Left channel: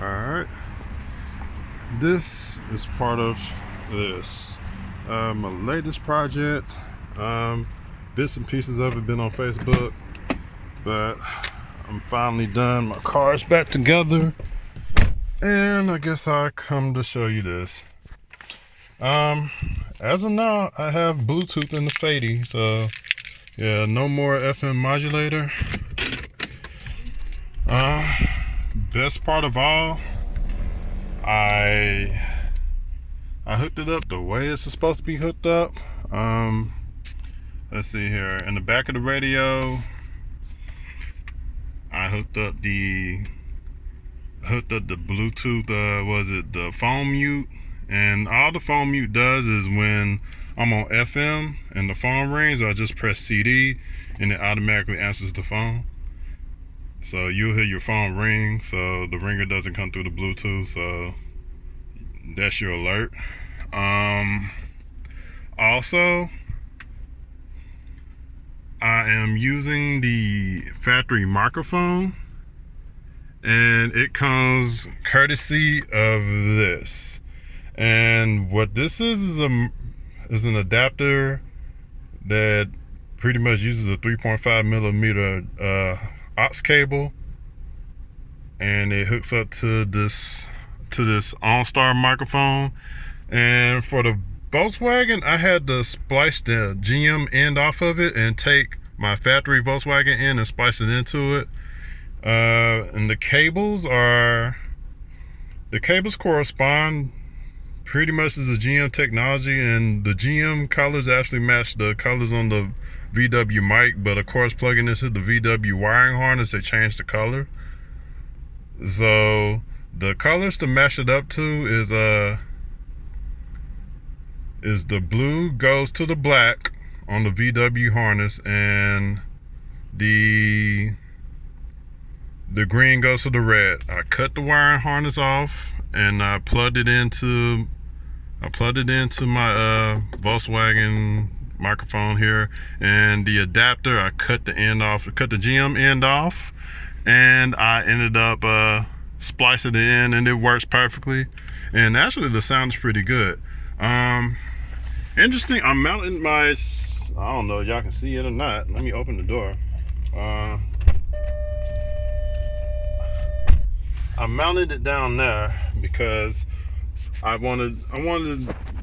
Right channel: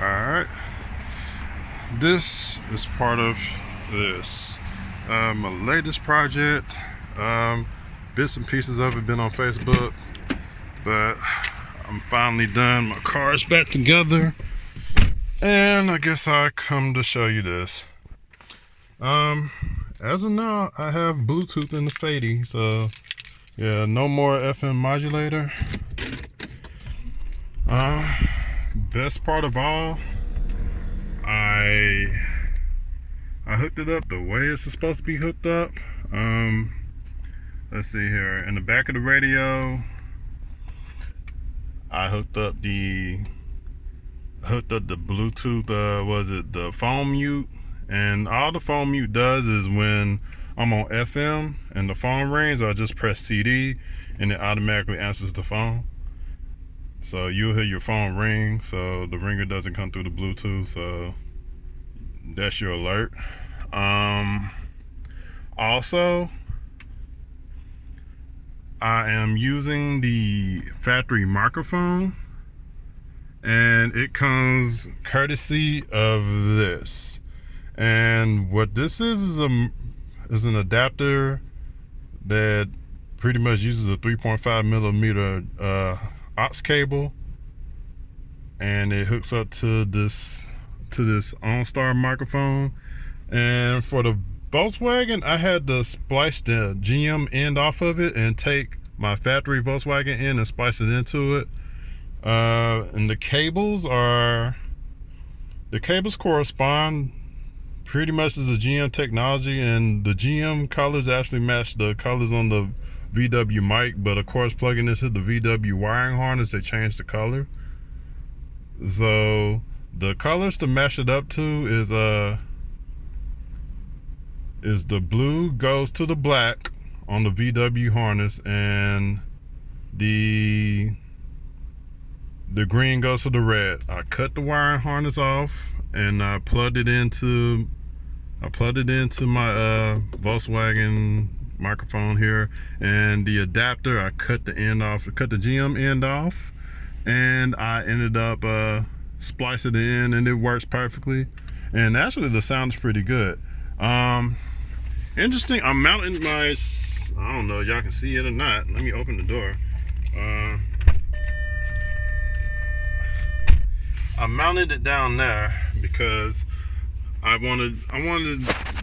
Alright, this is part of this my latest project. Bits and pieces of it been on Facebook, but I'm finally done. My car's back together, and I guess I come to show you this. As of now, I have Bluetooth in the Phaeton, so yeah, no more FM modulator. Best part of all, I hooked it up the way it's supposed to be hooked up. Let's see here. In the back of the radio, I hooked up the Bluetooth. Was it the phone mute? And all the phone mute does is when I'm on FM and the phone rings, I just press CD and it automatically answers the phone. So you'll hear your phone ring, so the ringer doesn't come through the Bluetooth, so that's your alert. Also, I am using the factory microphone, and it comes courtesy of this. And what this is an adapter that pretty much uses a 3.5 millimeter aux cable, and it hooks up to this OnStar microphone. And for the Volkswagen, I had to splice the GM end off of it and take my factory Volkswagen end and splice it into it. And the cables correspond pretty much as the GM technology, and the GM colors actually match the colors on the VW mic, but of course plugging this into the VW wiring harness, they changed the color. So the colors to match it up to is the blue goes to the black on the VW harness, and the green goes to the red. I cut the wiring harness off and I plugged it into my Volkswagen microphone here, and the adapter, I cut the GM end off, and I ended up splicing it in, and it works perfectly. And actually the sound is pretty good. Interesting, I'm mounting my, I don't know y'all can see it or not. Let me open the door. I mounted it down there because I wanted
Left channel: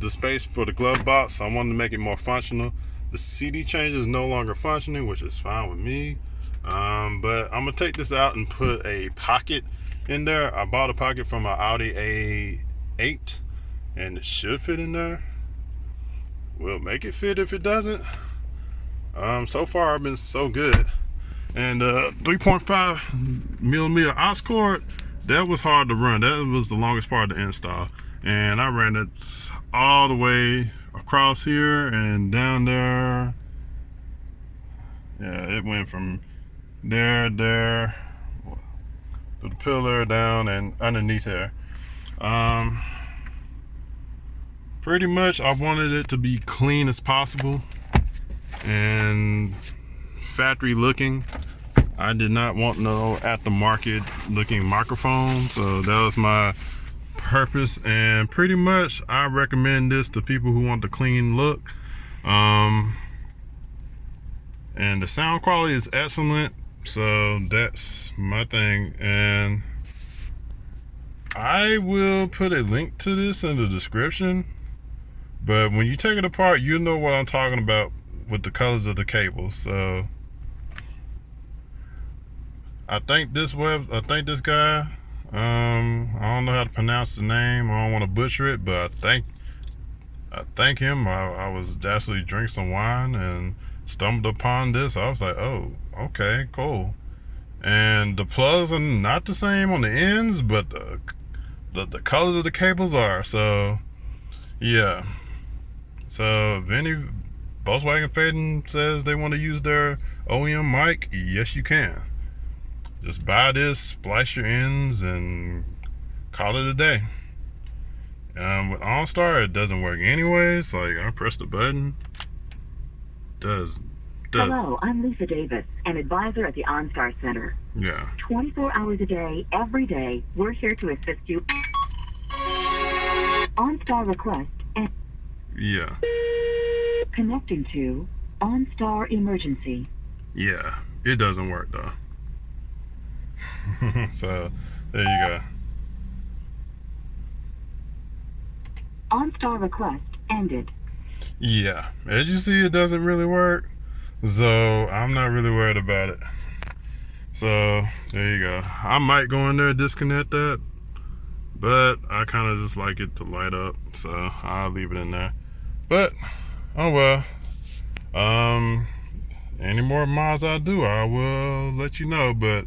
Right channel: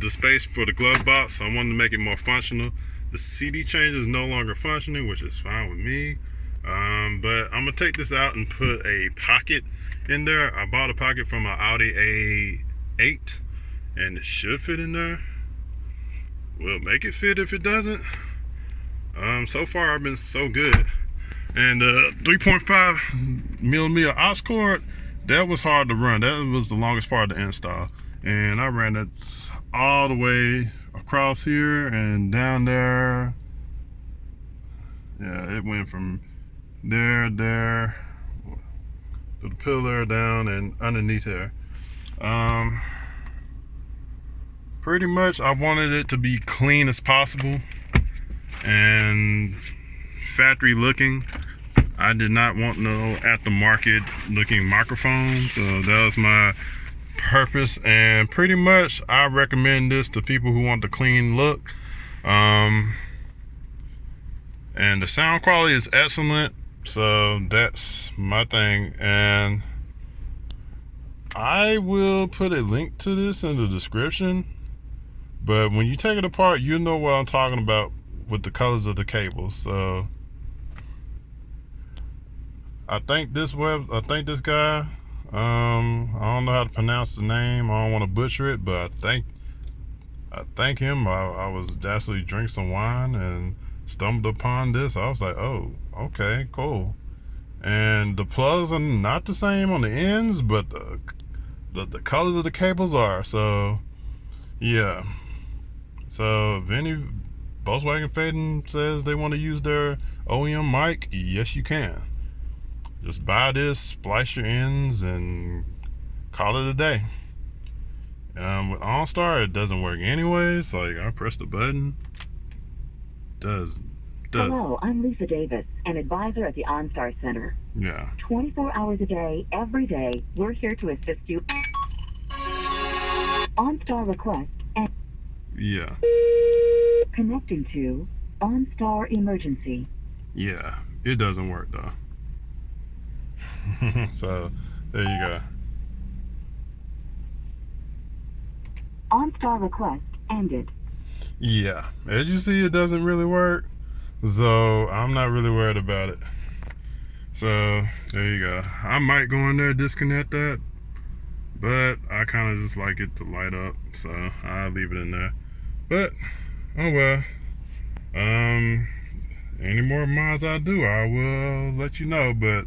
the space for the glove box. So I wanted to make it more functional. The CD changer is no longer functioning, which is fine with me. But I'm gonna take this out and put a pocket in there. I bought a pocket from an Audi A8, and it should fit in there. We'll make it fit if it doesn't. So far I've been so good. And 3.5 millimeter aux cord, that was hard to run. That was the longest part of the install. And I ran it all the way across here and down there. Yeah, it went from there to the pillar, down and underneath there. Pretty much I wanted it to be clean as possible and factory looking. I did not want no aftermarket looking microphone, so that was my purpose. And pretty much I recommend this to people who want the clean look. And the sound quality is excellent, so that's my thing. And I will put a link to this in the description, but when you take it apart, you know what I'm talking about with the colors of the cables. So I think this guy, I don't know how to pronounce the name. I don't want to butcher it, but I thank him. I was actually drinking some wine and stumbled upon this. I was like, oh, okay, cool. And the plugs are not the same on the ends, but the colors of the cables are. So yeah. So if any Volkswagen Phaeton says they want to use their OEM mic, yes you can. Just buy this, splice your ends, and call it a day. With OnStar, it doesn't work anyways. Like, I press the button, does Hello, I'm Lisa Davis, an advisor at the OnStar Center. Yeah. 24 hours a day, every day, we're here to assist you. OnStar request and Yeah. connecting to OnStar emergency. Yeah. It doesn't work though. So there you go. OnStar request ended. Yeah. As you see, it doesn't really work. So I'm not really worried about it. So there you go. I might go in there and disconnect that, but I kind of just like it to light up, so I'll leave it in there. But oh well. Any more mods I do, I will let you know. But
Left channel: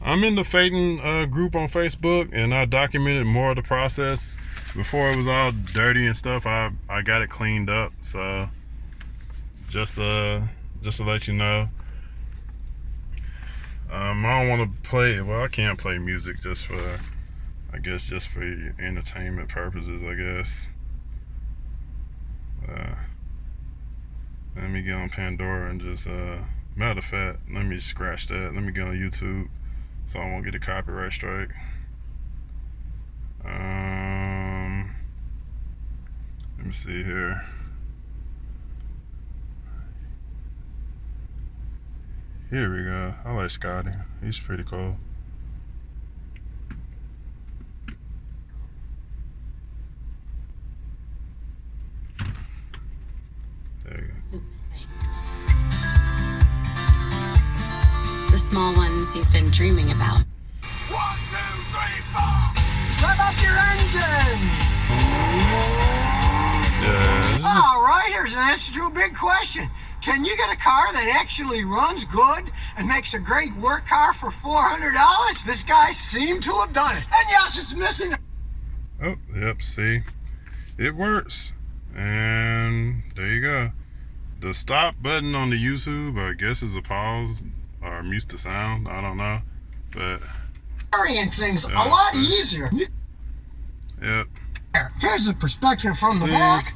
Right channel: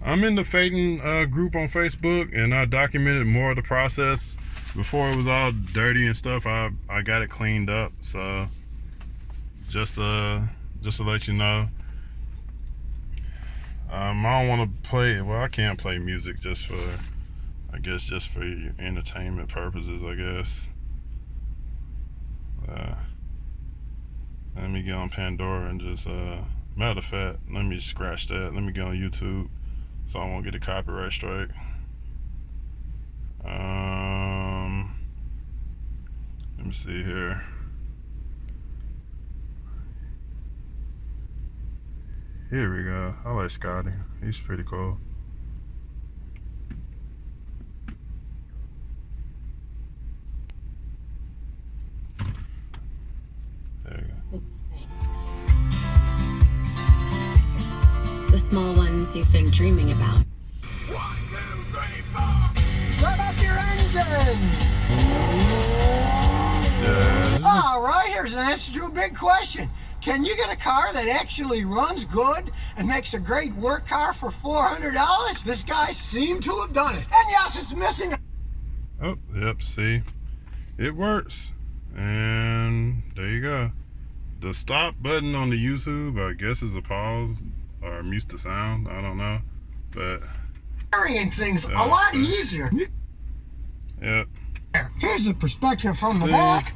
I'm in the Phaeton group on Facebook, and I documented more of the process before it was all dirty and stuff. I got it cleaned up, so just to let you know. I don't want to play. Well, I can't play music just for, I guess, just for entertainment purposes, I guess. Let me get on Pandora and just, matter of fact, let me scratch that. Let me get on YouTube so I won't get a copyright strike. Let me see here. Here we go. I like Scotty. He's pretty cool. There you go. The small ones you've been dreaming about. 1, 2, 3, 4. Rev up your engine. Yeah. All right, here's an answer to a big question. Can you get a car that actually runs good and makes a great work car for $400? This guy seemed to have done it. And yes, it's missing. Oh, yep, see? It works. And there you go. The stop button on the YouTube, I guess, is a pause or mute the sound. I don't know. But Carrying things a lot easier. Yep. Here's the perspective from the back.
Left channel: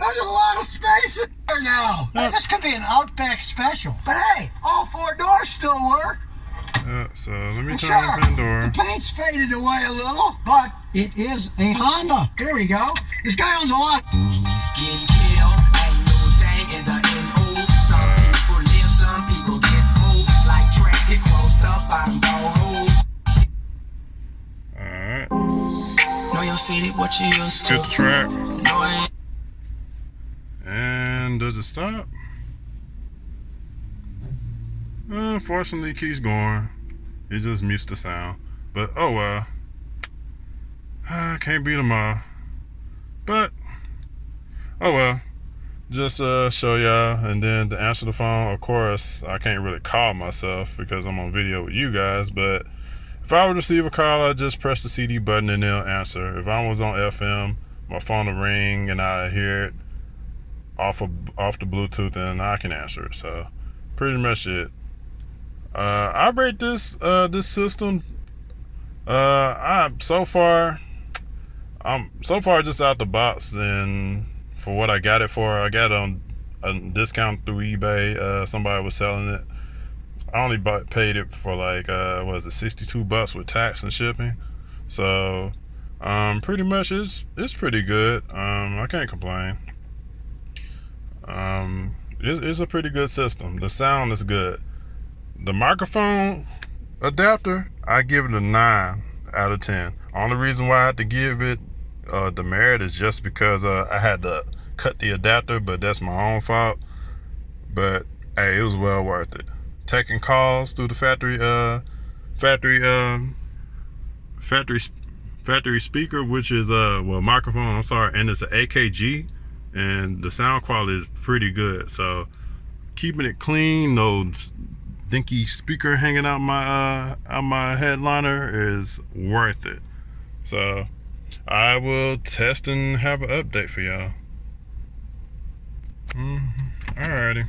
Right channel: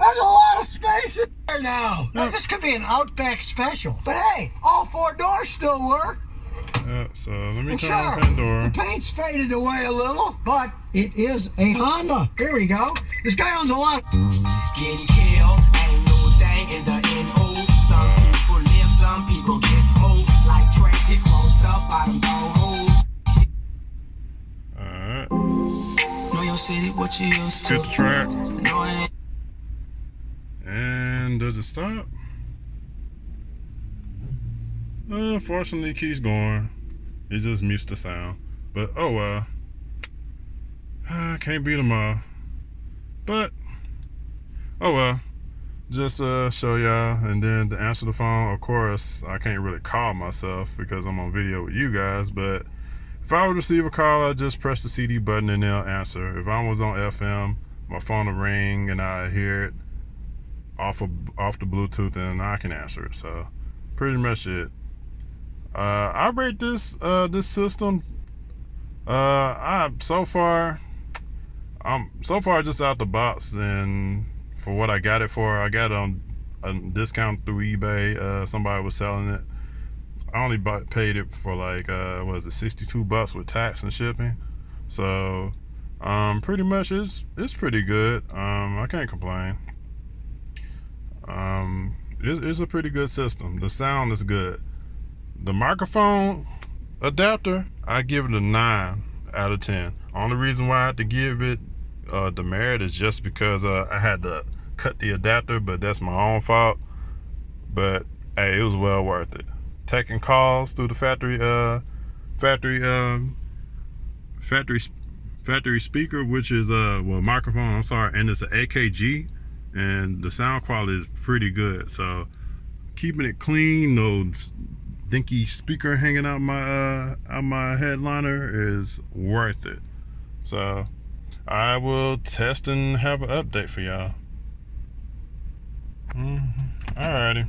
There's a lot of space in there now. Yep. This could be an Outback special. But hey, all 4 doors still work. So let me And turn on sure, Pandora. the paint's faded away a little, but it is a Honda. Here we go. This guy owns a lot. Getting killed ain't no thing in the NO. Some people live, some people get smoked. Like trash get closed up by them holes. Alright. Know your city, what you used Skip to. the track. No, I ain't. And does it stop? Unfortunately, it keeps going. It just mutes the sound. But oh well. I can't beat them all. But oh well. Just show y'all, and then to answer the phone, of course, I can't really call myself because I'm on video with you guys, but if I would receive a call, I'd just press the CD button and they'll answer. If I was on FM, my phone will ring and I hear it off the Bluetooth and I can answer it. So pretty much it. I rate this system. I'm so far just out the box, and for what I got it for, I got it on a discount through eBay. Somebody was selling it. I only paid it for like what is it, $62 with tax and shipping. So pretty much it's pretty good. I can't complain. It's a pretty good system. The sound is good. The microphone adapter, I give it a 9 out of 10. Only reason why I had to give it demerit is just because I had to cut the adapter, but that's my own fault. But hey, it was well worth it. Taking calls through the factory speaker, which is microphone, I'm sorry, and it's an AKG, and the sound quality is pretty good. So keeping it clean, no dinky speaker hanging out my headliner is worth it. So I will test and have an update for y'all. Alrighty.